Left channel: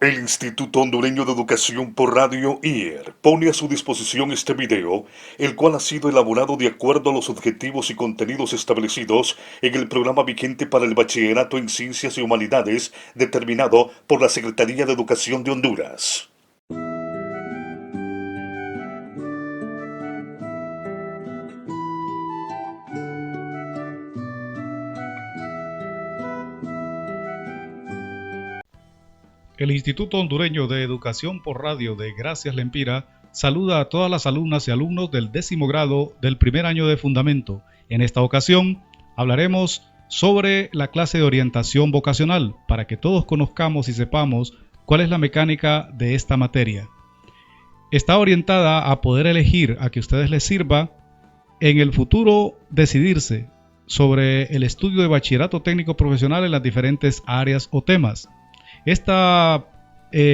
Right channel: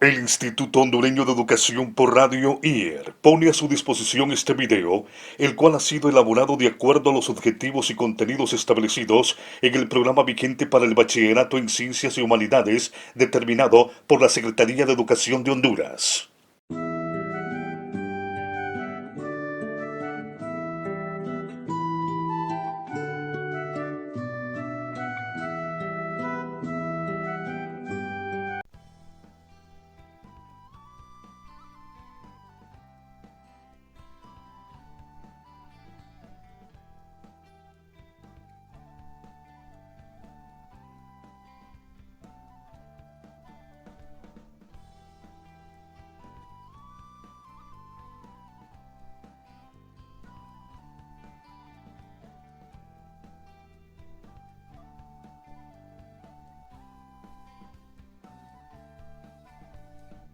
El Instituto Hondureño de Educación por Radio IER pone a su disposición este video, el cual ha sido elaborado de acuerdo a los objetivos y contenidos establecidos en el programa vigente para el Bachillerato en Ciencias y Humanidades determinado por la Secretaría de Educación de Honduras. El Instituto Hondureño de Educación por Radio de Gracias Lempira saluda a todas las alumnas y alumnos del 10º grado del primer año de Fundamento. En esta ocasión hablaremos sobre la clase de orientación vocacional para que todos conozcamos y sepamos cuál es la mecánica de esta materia. Está orientada a poder elegir, a que a ustedes les sirva en el futuro decidirse sobre el estudio de bachillerato técnico profesional en las diferentes áreas o temas. Esta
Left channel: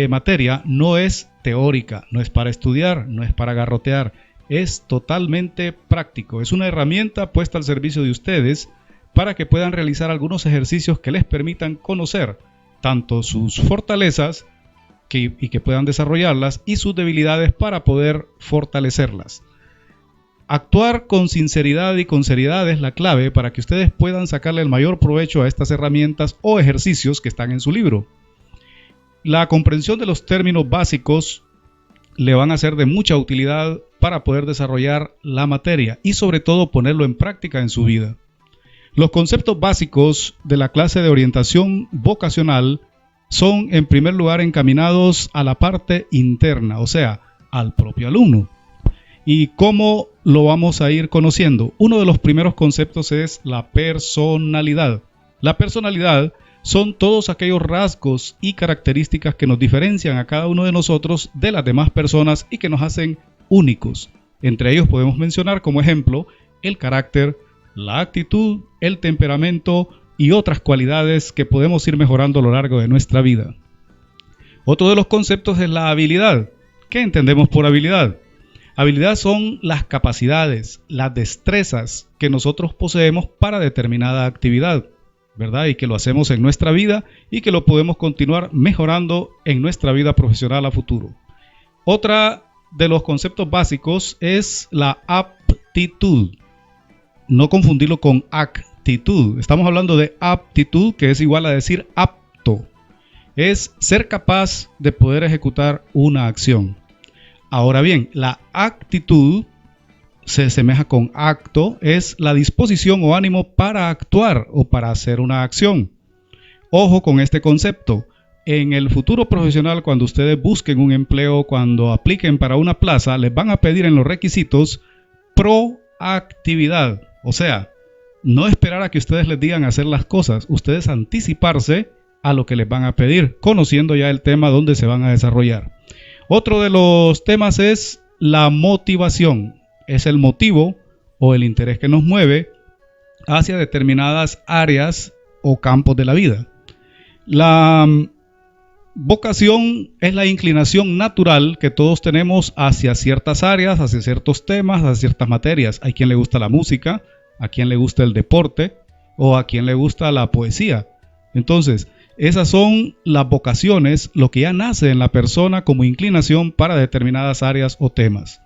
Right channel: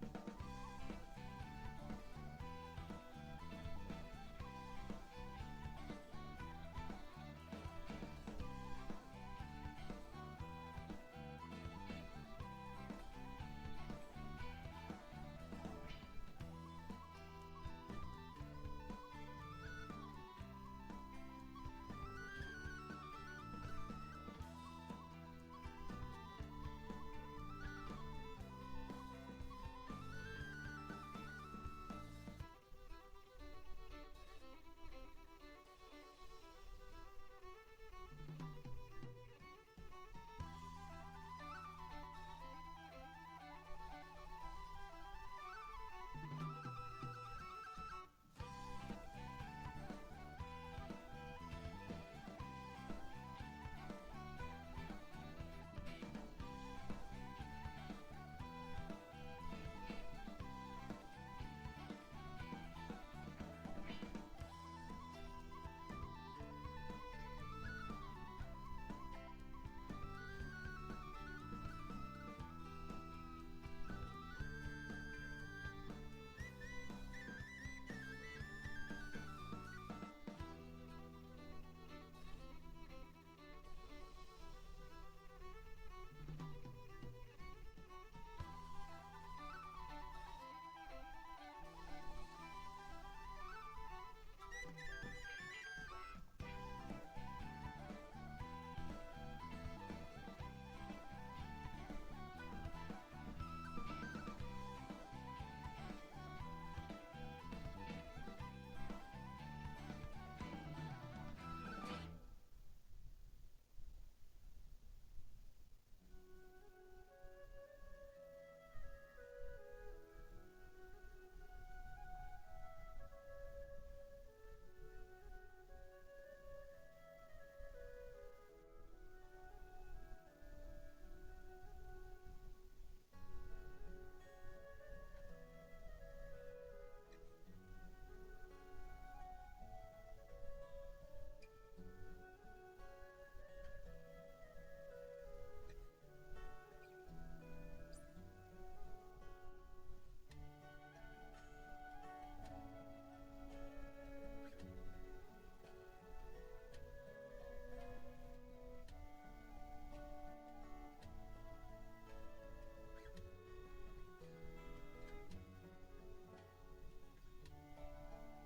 materia no es teórica, no es para estudiar, no es para garrotear, es totalmente práctico. Es una herramienta puesta al servicio de ustedes para que puedan realizar algunos ejercicios que les permitan conocer tanto sus fortalezas y que puedan desarrollarlas y sus debilidades para poder fortalecerlas. Actuar con sinceridad y con seriedad es la clave para que ustedes puedan sacarle el mayor provecho a estas herramientas o ejercicios que están en su libro. La comprensión de los términos básicos le van a ser de mucha utilidad para poder desarrollar la materia y sobre todo ponerlo en práctica en su vida. Los conceptos básicos de la clase de orientación vocacional son en primer lugar encaminados a la parte interna, o sea, al propio alumno. ¿Y cómo lo vamos a ir conociendo? Uno de los primeros conceptos es la personalidad. La personalidad son todos aquellos rasgos y características que nos diferencian a cada uno de nosotros de las demás personas y que nos hacen únicos. Entre ellos podemos mencionar como ejemplo el carácter, la actitud, el temperamento y otras cualidades que podemos ir mejorando a lo largo de nuestra vida. Otro de los conceptos es la habilidad. ¿Qué entendemos por habilidad? Habilidad son las capacidades, las destrezas que nosotros poseemos para determinada actividad, ¿verdad? Y que lo hacemos en nuestra vida y que lo podemos continuar mejorando en nuestra vida profesional a futuro. Otra de los conceptos básicos es la aptitud. No confundirlo con actitud. Estamos hablando de aptitud, que es igual a decir apto. Es ser capaz de poder ejecutar una acción. Ahora bien, la actitud se asemeja con acto, es la disposición o ánimo para actuar o para hacer una acción. Ojo con este concepto. En el futuro profesional, cuando ustedes busquen un empleo, cuando apliquen para una plaza, les van a pedir en los requisitos proactividad. O sea, no esperar a que ustedes les digan hacer las cosas, ustedes anticiparse a lo que les van a pedir, conociendo ya el tema donde se van a desarrollar. Otro de los temas es la motivación. Es el motivo o el interés que nos mueve hacia determinadas áreas o campos de la vida. La vocación es la inclinación natural que todos tenemos hacia ciertas áreas, hacia ciertos temas, hacia ciertas materias. Hay quien le gusta la música, a quien le gusta el deporte o a quien le gusta la poesía. Entonces, esas son las vocaciones, lo que ya nace en la persona como inclinación para determinadas áreas o temas.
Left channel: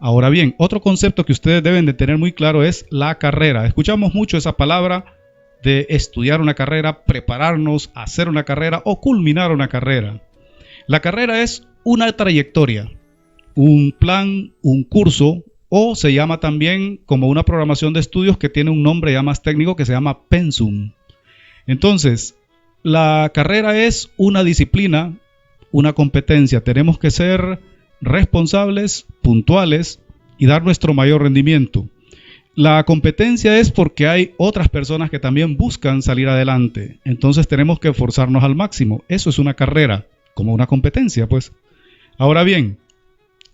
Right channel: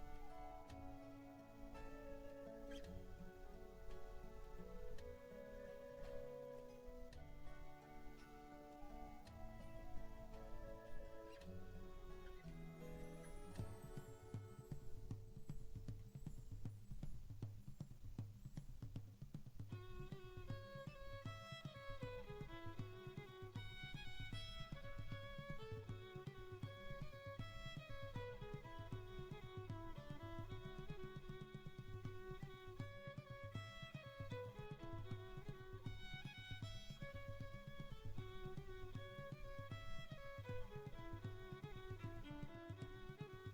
Ahora bien, otro concepto que ustedes deben de tener muy claro es la carrera. Escuchamos mucho esa palabra de estudiar una carrera, prepararnos, hacer una carrera o culminar una carrera. La carrera es una trayectoria, un plan, un curso, o se llama también como una programación de estudios que tiene un nombre ya más técnico que se llama pensum. Entonces, la carrera es una disciplina, una competencia. Tenemos que ser responsables, puntuales y dar nuestro mayor rendimiento. La competencia es porque hay otras personas que también buscan salir adelante. Entonces tenemos que esforzarnos al máximo. Eso es una carrera, como una competencia, pues. Ahora bien,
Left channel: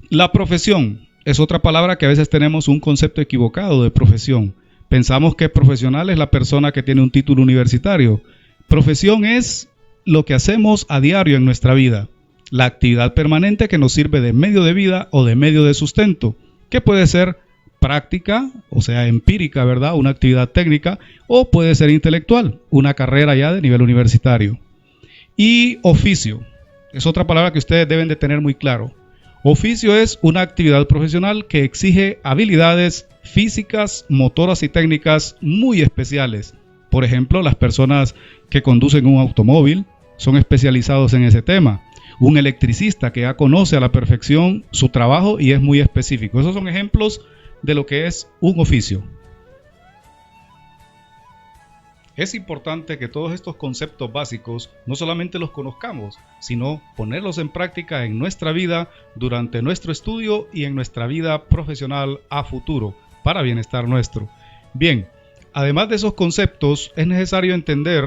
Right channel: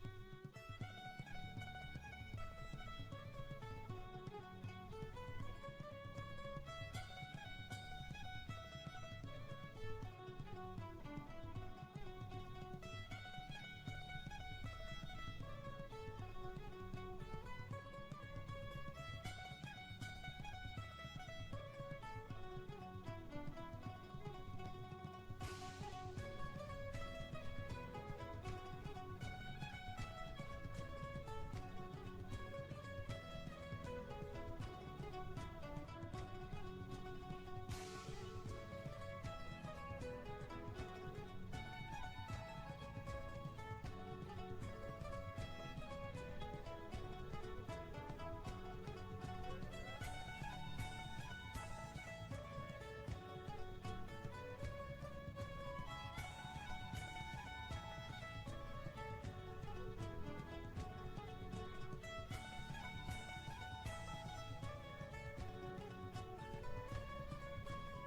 la profesión es otra palabra que a veces tenemos un concepto equivocado de profesión. Pensamos que profesional es la persona que tiene un título universitario. Profesión es lo que hacemos a diario en nuestra vida. La actividad permanente que nos sirve de medio de vida o de medio de sustento, que puede ser práctica, o sea, empírica, ¿verdad? Una actividad técnica, o puede ser intelectual, una carrera ya de nivel universitario. Y oficio. Es otra palabra que ustedes deben de tener muy claro. Oficio es una actividad profesional que exige habilidades físicas, motoras y técnicas muy especiales. Por ejemplo, las personas que conducen un automóvil son especializados en ese tema. Un electricista que ya conoce a la perfección su trabajo y es muy específico. Esos son ejemplos de lo que es un oficio. Es importante que todos estos conceptos básicos no solamente los conozcamos, sino ponerlos en práctica en nuestra vida, durante nuestro estudio y en nuestra vida profesional a futuro, para bienestar nuestro. Bien, además de esos conceptos, es necesario entender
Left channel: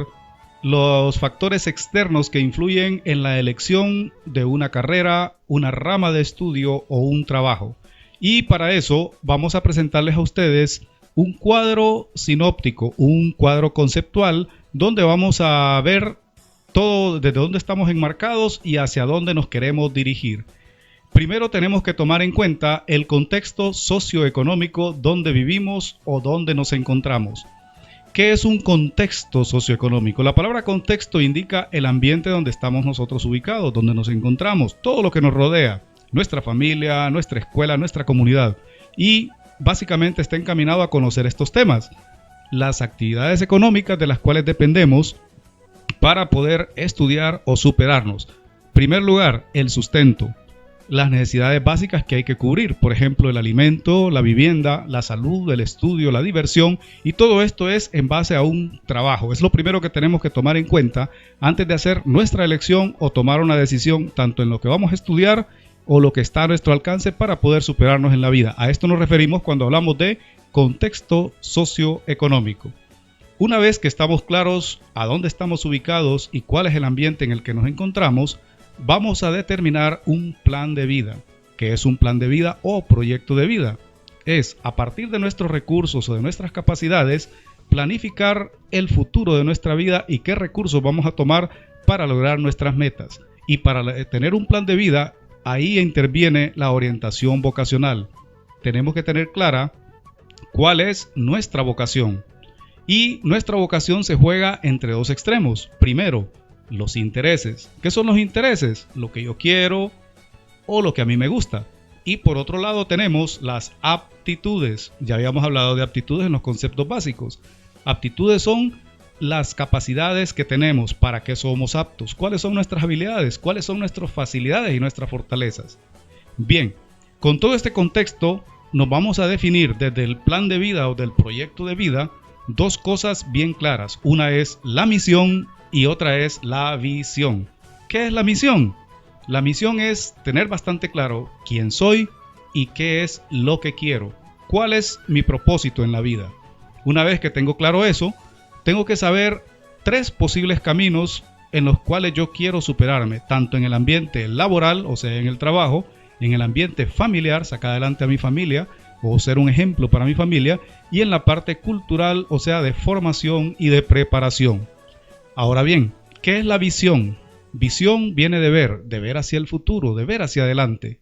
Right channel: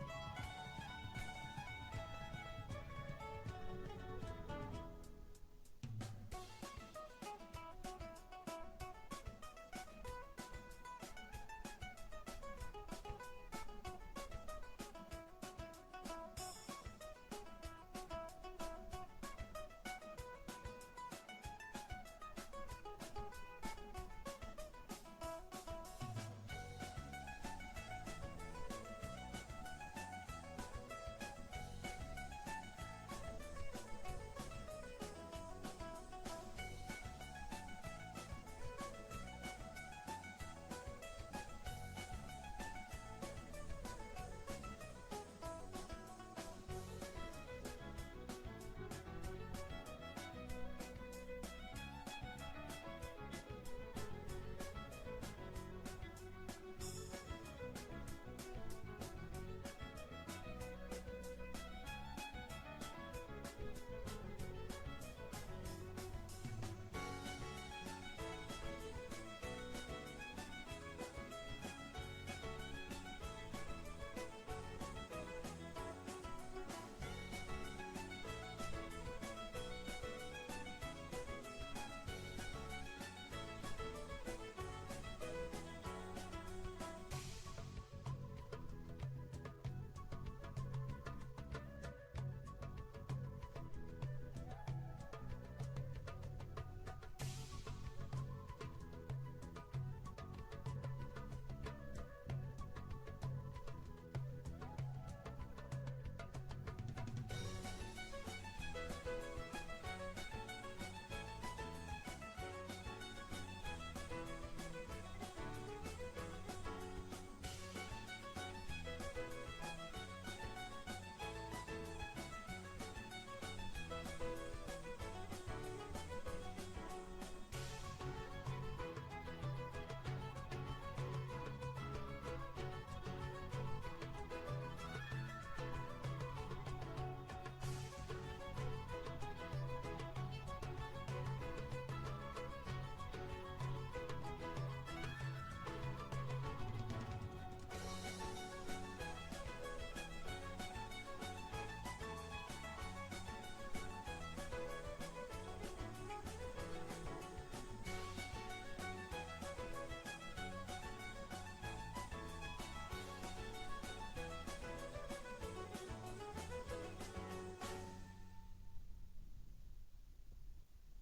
los factores externos que influyen en la elección de una carrera, una rama de estudio o un trabajo. Y para eso vamos a presentarles a ustedes un cuadro sinóptico, un cuadro conceptual, donde vamos a ver todo desde dónde estamos enmarcados y hacia dónde nos queremos dirigir. Primero tenemos que tomar en cuenta el contexto socioeconómico donde vivimos o donde nos encontramos. ¿Qué es un contexto socioeconómico? La palabra contexto indica el ambiente donde estamos nosotros ubicados, donde nos encontramos, todo lo que nos rodea, nuestra familia, nuestra escuela, nuestra comunidad. Y básicamente está encaminado a conocer estos temas, las actividades económicas de las cuales dependemos para poder estudiar o superarnos. En primer lugar, el sustento, las necesidades básicas que hay que cubrir, por ejemplo, el alimento, la vivienda, la salud, el estudio, la diversión, y todo esto es en base a un trabajo. Es lo primero que tenemos que tomar en cuenta antes de hacer nuestra elección o tomar una decisión tanto en lo que vamos a estudiar o lo que está a nuestro alcance para poder superarnos en la vida. A esto nos referimos cuando hablamos de contexto socioeconómico. Una vez que estamos claros a dónde estamos ubicados y cuál es el ambiente en el que nos encontramos, vamos a determinar un plan de vida. ¿Qué es un plan de vida o proyecto de vida? Es, a partir de nuestros recursos o de nuestras capacidades, planificar el futuro de nuestra vida y qué recursos vamos a tomar para lograr nuestras metas. Y para tener un plan de vida, ahí interviene la orientación vocacional. Tenemos que tener clara cuál es nuestra vocación. Y nuestra vocación se juega entre dos extremos. Primero, los intereses. ¿Qué son los intereses? Lo que yo quiero o lo que a mí me gusta. Y por otro lado tenemos las aptitudes. Ya habíamos hablado de aptitudes en los conceptos básicos. Aptitudes son las capacidades que tenemos, para qué somos aptos, cuáles son nuestras habilidades, cuáles son nuestras facilidades y nuestras fortalezas. Bien, con todo este contexto nos vamos a definir desde el plan de vida o del proyecto de vida dos cosas bien claras. Una es la misión y otra es la visión. ¿Qué es la misión? La misión es tener bastante claro quién soy y qué es lo que quiero, cuál es mi propósito en la vida. Una vez que tengo claro eso, tengo que saber 3 posibles caminos en los cuales yo quiero superarme, tanto en el ambiente laboral, o sea, en el trabajo, en el ambiente familiar, sacar adelante a mi familia, o ser un ejemplo para mi familia, y en la parte cultural, o sea, de formación y de preparación. Ahora bien, ¿qué es la visión? Visión viene de ver hacia el futuro, de ver hacia adelante.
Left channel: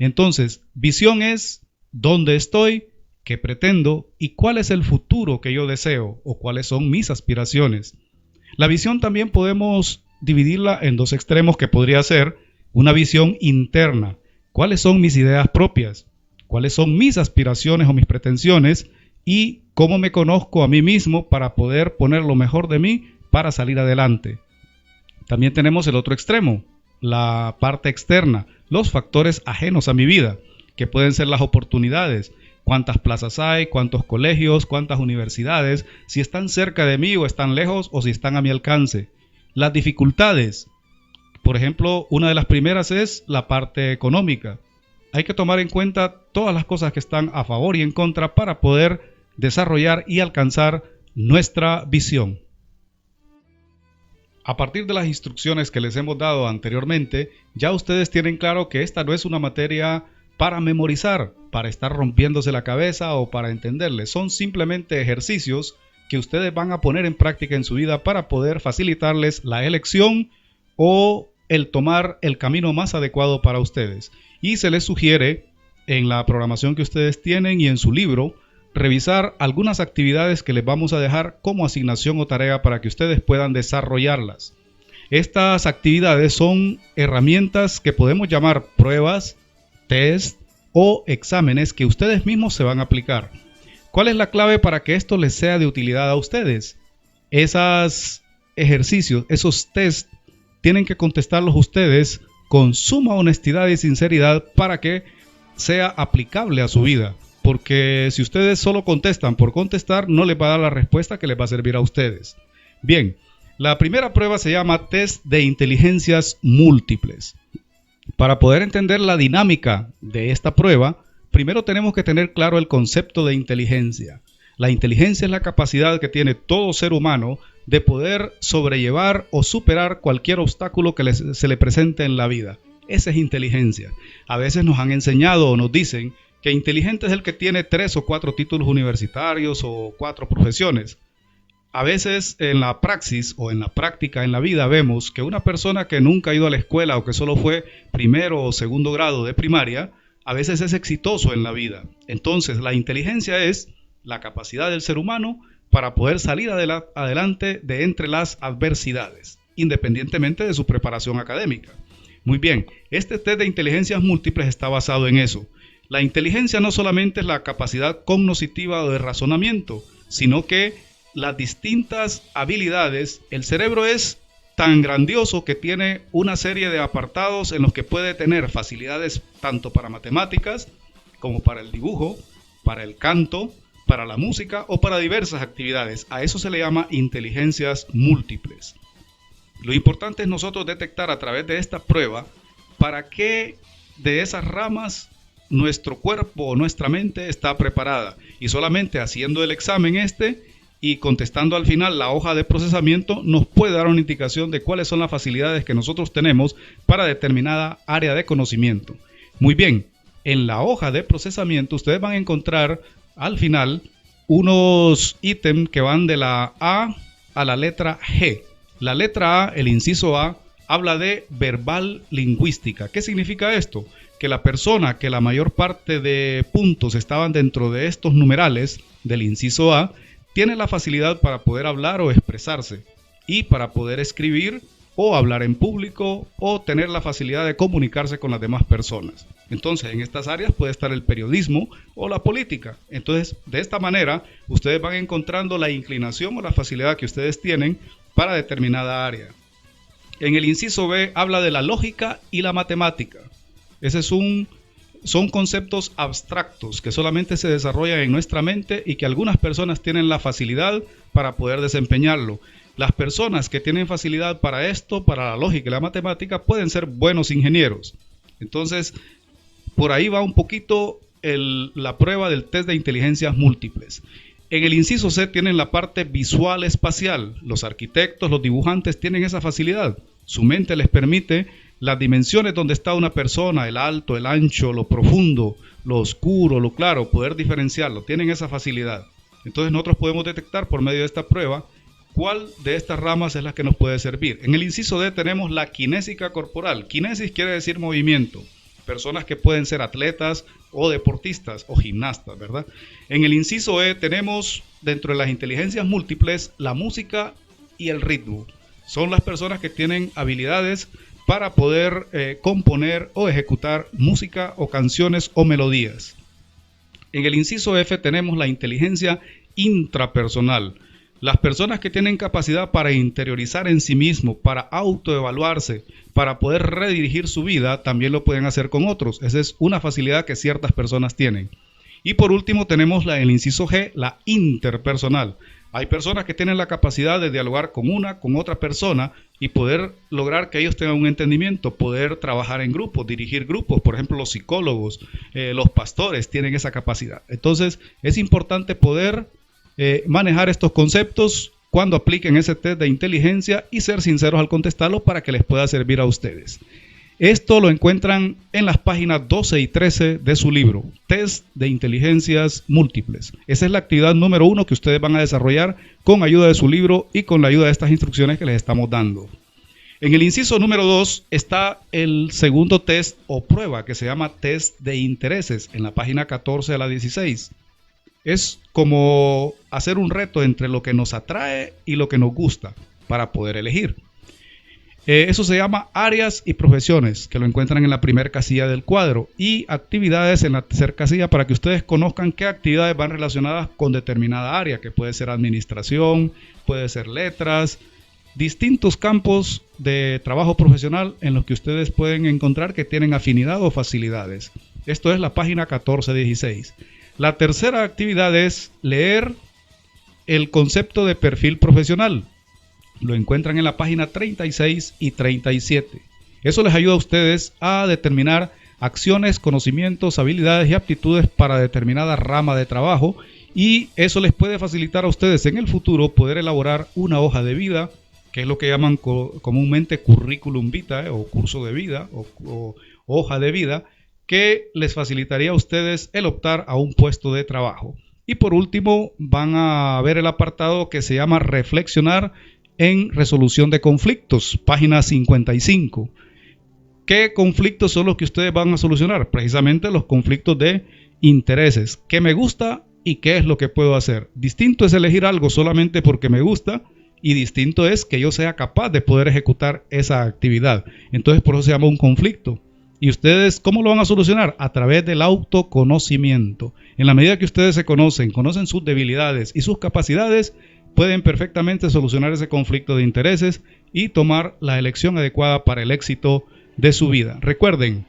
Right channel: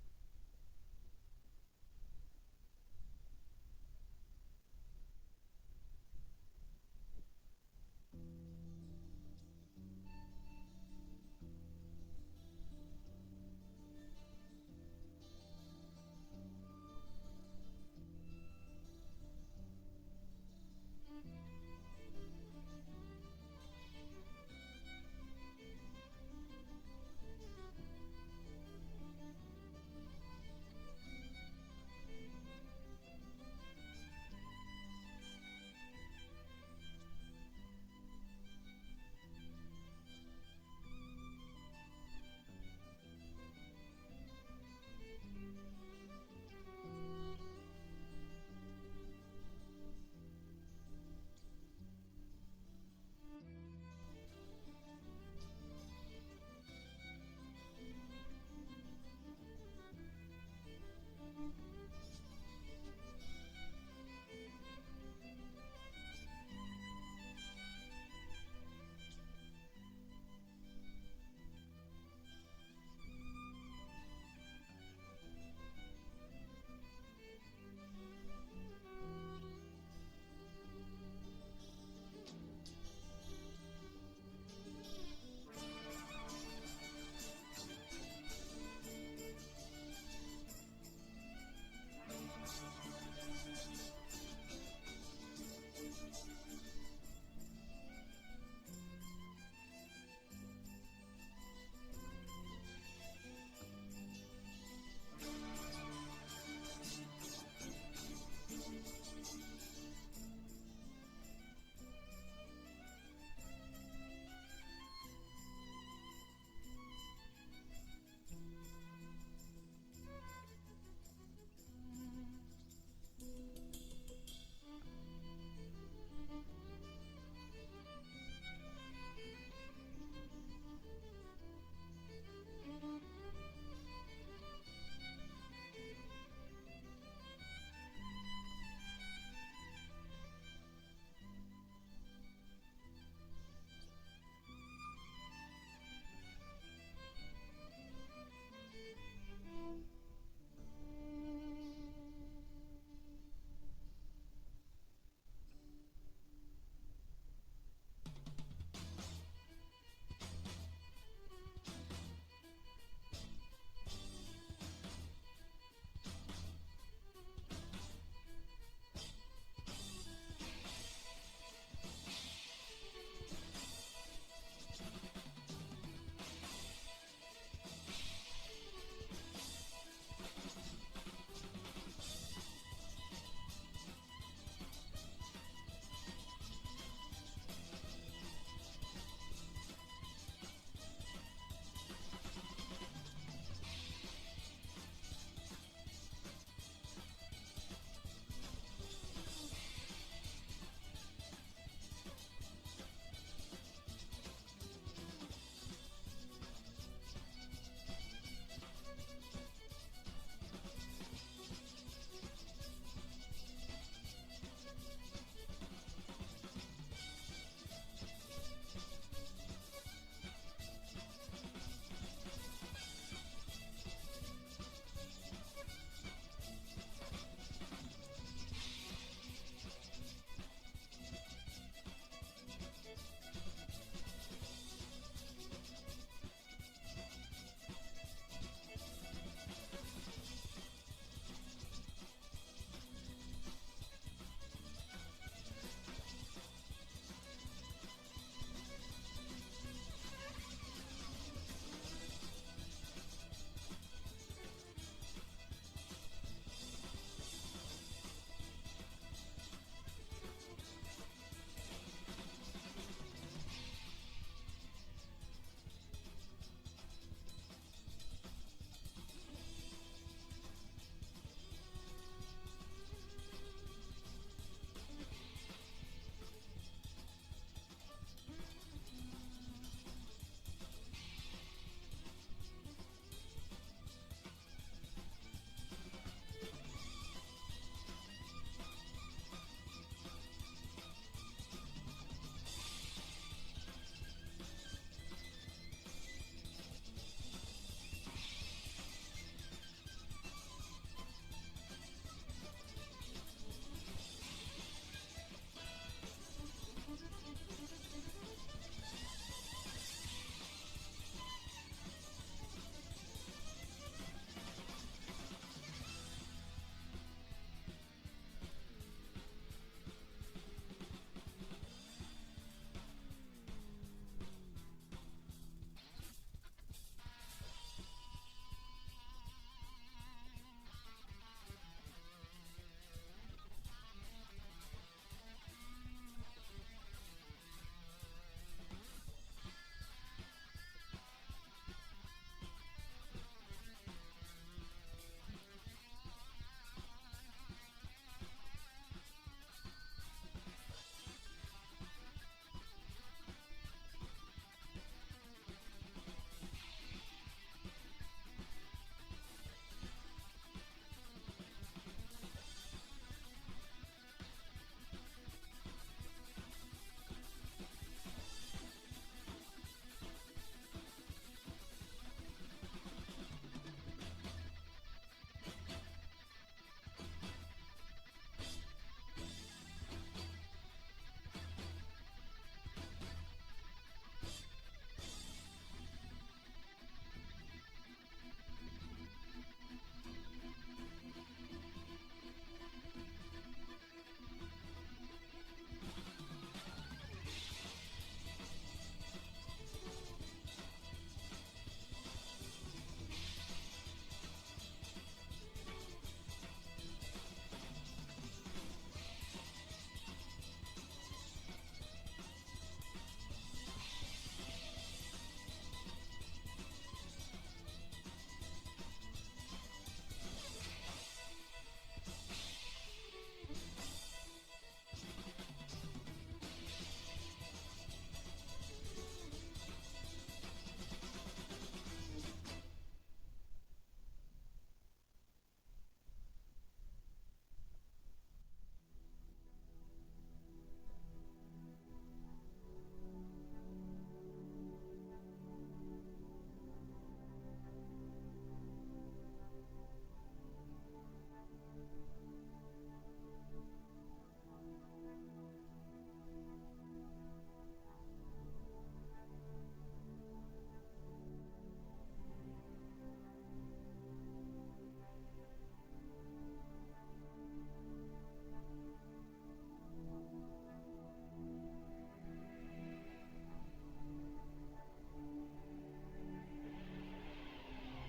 Entonces, visión es dónde estoy, qué pretendo y cuál es el futuro que yo deseo o cuáles son mis aspiraciones. La visión también podemos dividirla en dos extremos, que podría ser una visión interna. ¿Cuáles son mis ideas propias? ¿Cuáles son mis aspiraciones o mis pretensiones? Y cómo me conozco a mí mismo para poder poner lo mejor de mí para salir adelante. También tenemos el otro extremo, la parte externa, los factores ajenos a mi vida, que pueden ser las oportunidades. ¿Cuántas plazas hay? ¿Cuántos colegios? ¿Cuántas universidades? Si están cerca de mí o están lejos o si están a mi alcance. Las dificultades. Por ejemplo, una de las primeras es la parte económica. Hay que tomar en cuenta todas las cosas que están a favor y en contra para poder desarrollar y alcanzar nuestra visión. A partir de las instrucciones que les hemos dado anteriormente, ya ustedes tienen claro que esta no es una materia para memorizar, para estar rompiéndose la cabeza o para entenderle. Son simplemente ejercicios que ustedes van a poner en práctica en su vida para poder facilitarles la elección o el tomar el camino más adecuado para ustedes. Y se les sugiere en la programación que ustedes tienen y en su libro revisar algunas actividades que les vamos a dejar como asignación o tarea para que ustedes puedan desarrollarlas. Estas actividades son herramientas que podemos llamar pruebas, test o exámenes que ustedes mismos se van a aplicar. ¿Cuál es la clave para que esto les sea de utilidad a ustedes? Esos ejercicios, esos test, tienen que contestarlos ustedes con suma honestidad y sinceridad para que sea aplicable a su vida. Porque si ustedes solo contestan por contestar, no les va a dar la respuesta que les va a servir a ustedes. Bien, la primera prueba se llama test de inteligencias múltiples. Para poder entender la dinámica de esta prueba, primero tenemos que tener claro el concepto de inteligencia. La inteligencia es la capacidad que tiene todo ser humano de poder sobrellevar o superar cualquier obstáculo que se le presente en la vida. Esa es inteligencia. A veces nos han enseñado o nos dicen que inteligente es el que tiene 3 o 4 títulos universitarios o 4 profesiones. A veces en la praxis o en la práctica en la vida vemos que una persona que nunca ha ido a la escuela o que solo fue primero o segundo grado de primaria, a veces es exitoso en la vida. Entonces la inteligencia es la capacidad del ser humano para poder salir adelante de entre las adversidades, independientemente de su preparación académica. Muy bien, este test de inteligencias múltiples está basado en eso. La inteligencia no solamente es la capacidad cognitiva o de razonamiento, sino que las distintas habilidades, el cerebro es tan grandioso que tiene una serie de apartados en los que puede tener facilidades tanto para matemáticas como para el dibujo, para el canto, para la música o para diversas actividades. A eso se le llama inteligencias múltiples. Lo importante es nosotros detectar a través de esta prueba para qué de esas ramas nuestro cuerpo o nuestra mente está preparada, y solamente haciendo el examen y contestando al final la hoja de procesamiento nos puede dar una indicación de cuáles son las facilidades que nosotros tenemos para determinada área de conocimiento. Muy bien, en la hoja de procesamiento ustedes van a encontrar al final unos ítems que van de la A a la letra G. La letra A, el inciso A, habla de verbal lingüística. ¿Qué significa esto? Que la persona que la mayor parte de puntos estaban dentro de estos numerales del inciso A tiene la facilidad para poder hablar o expresarse y para poder escribir o hablar en público o tener la facilidad de comunicarse con las demás personas. Entonces, en estas áreas puede estar el periodismo o la política. Entonces, de esta manera, ustedes van encontrando la inclinación o la facilidad que ustedes tienen para determinada área. En el inciso B habla de la lógica y la matemática. Son conceptos abstractos que solamente se desarrollan en nuestra mente y que algunas personas tienen la facilidad para poder desempeñarlo. Las personas que tienen facilidad para esto, para la lógica y la matemática, pueden ser buenos ingenieros. Entonces, por ahí va un poquito la prueba del test de inteligencias múltiples. En el inciso C tienen la parte visual espacial. Los arquitectos, los dibujantes tienen esa facilidad. Su mente les permite las dimensiones donde está una persona, el alto, el ancho, lo profundo, lo oscuro, lo claro, poder diferenciarlo. Tienen esa facilidad. Entonces nosotros podemos detectar por medio de esta prueba cuál de estas ramas es la que nos puede servir. En el inciso D tenemos la kinésica corporal. Kinesis quiere decir movimiento. Personas que pueden ser atletas o deportistas o gimnastas, ¿verdad? En el inciso E tenemos dentro de las inteligencias múltiples la música y el ritmo. Son las personas que tienen habilidades para poder componer o ejecutar música o canciones o melodías. En el inciso F tenemos la inteligencia intrapersonal. Las personas que tienen capacidad para interiorizar en sí mismo, para autoevaluarse, para poder redirigir su vida, también lo pueden hacer con otros. Esa es una facilidad que ciertas personas tienen. Y por último tenemos el inciso G, la interpersonal. Hay personas que tienen la capacidad de dialogar con otra persona y poder lograr que ellos tengan un entendimiento, poder trabajar en grupos, dirigir grupos. Por ejemplo, los psicólogos, los pastores tienen esa capacidad. Entonces, es importante poder manejar estos conceptos cuando apliquen ese test de inteligencia y ser sinceros al contestarlo para que les pueda servir a ustedes. Esto lo encuentran en las páginas 12 y 13 de su libro, Test de Inteligencias Múltiples. Esa es la actividad número 1 que ustedes van a desarrollar con ayuda de su libro y con la ayuda de estas instrucciones que les estamos dando. En el inciso número 2 está el segundo test o prueba que se llama Test de Intereses en la página 14 a la 16. Es como hacer un reto entre lo que nos atrae y lo que nos gusta para poder elegir. Eso se llama áreas y profesiones, que lo encuentran en la primera casilla del cuadro, y actividades en la tercera casilla para que ustedes conozcan qué actividades van relacionadas con determinada área, que puede ser administración, puede ser letras, distintos campos de trabajo profesional en los que ustedes pueden encontrar que tienen afinidad o facilidades. Esto es la página 1416. La tercera actividad es leer el concepto de perfil profesional. Lo encuentran en la página 36 y 37. Eso les ayuda a ustedes a determinar acciones, conocimientos, habilidades y aptitudes para determinada rama de trabajo, y eso les puede facilitar a ustedes en el futuro poder elaborar una hoja de vida, que es lo que llaman comúnmente currículum vitae o curso de vida o hoja de vida, que les facilitaría a ustedes el optar a un puesto de trabajo. Y por último van a ver el apartado que se llama reflexionar en resolución de conflictos, página 55. ¿Qué conflictos son los que ustedes van a solucionar? Precisamente los conflictos de intereses. ¿Qué me gusta y qué es lo que puedo hacer? Distinto es elegir algo solamente porque me gusta, y distinto es que yo sea capaz de poder ejecutar esa actividad. Entonces por eso se llama un conflicto. ¿Y ustedes cómo lo van a solucionar? A través del autoconocimiento. En la medida que ustedes se conocen sus debilidades y sus capacidades, pueden perfectamente solucionar ese conflicto de intereses y tomar la elección adecuada para el éxito de su vida. Recuerden,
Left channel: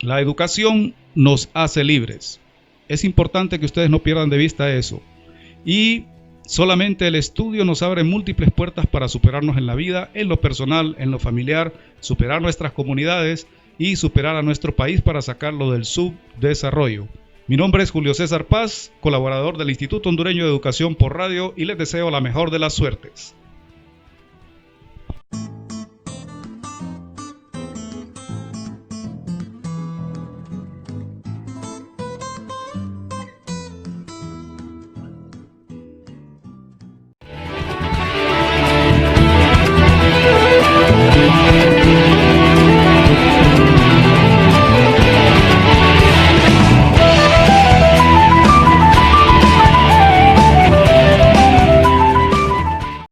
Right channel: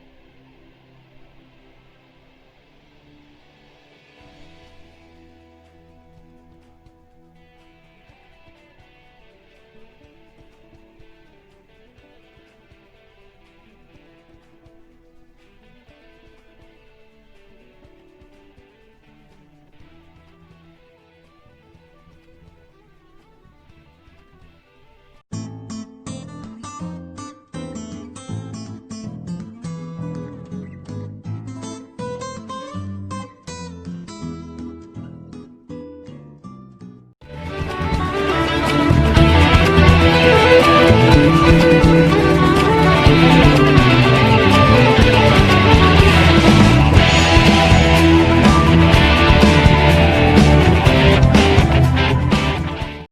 la educación nos hace libres. Es importante que ustedes no pierdan de vista eso. Y solamente el estudio nos abre múltiples puertas para superarnos en la vida, en lo personal, en lo familiar, superar nuestras comunidades y superar a nuestro país para sacarlo del subdesarrollo. Mi nombre es Julio César Paz, colaborador del Instituto Hondureño de Educación por Radio, y les deseo la mejor de las suertes.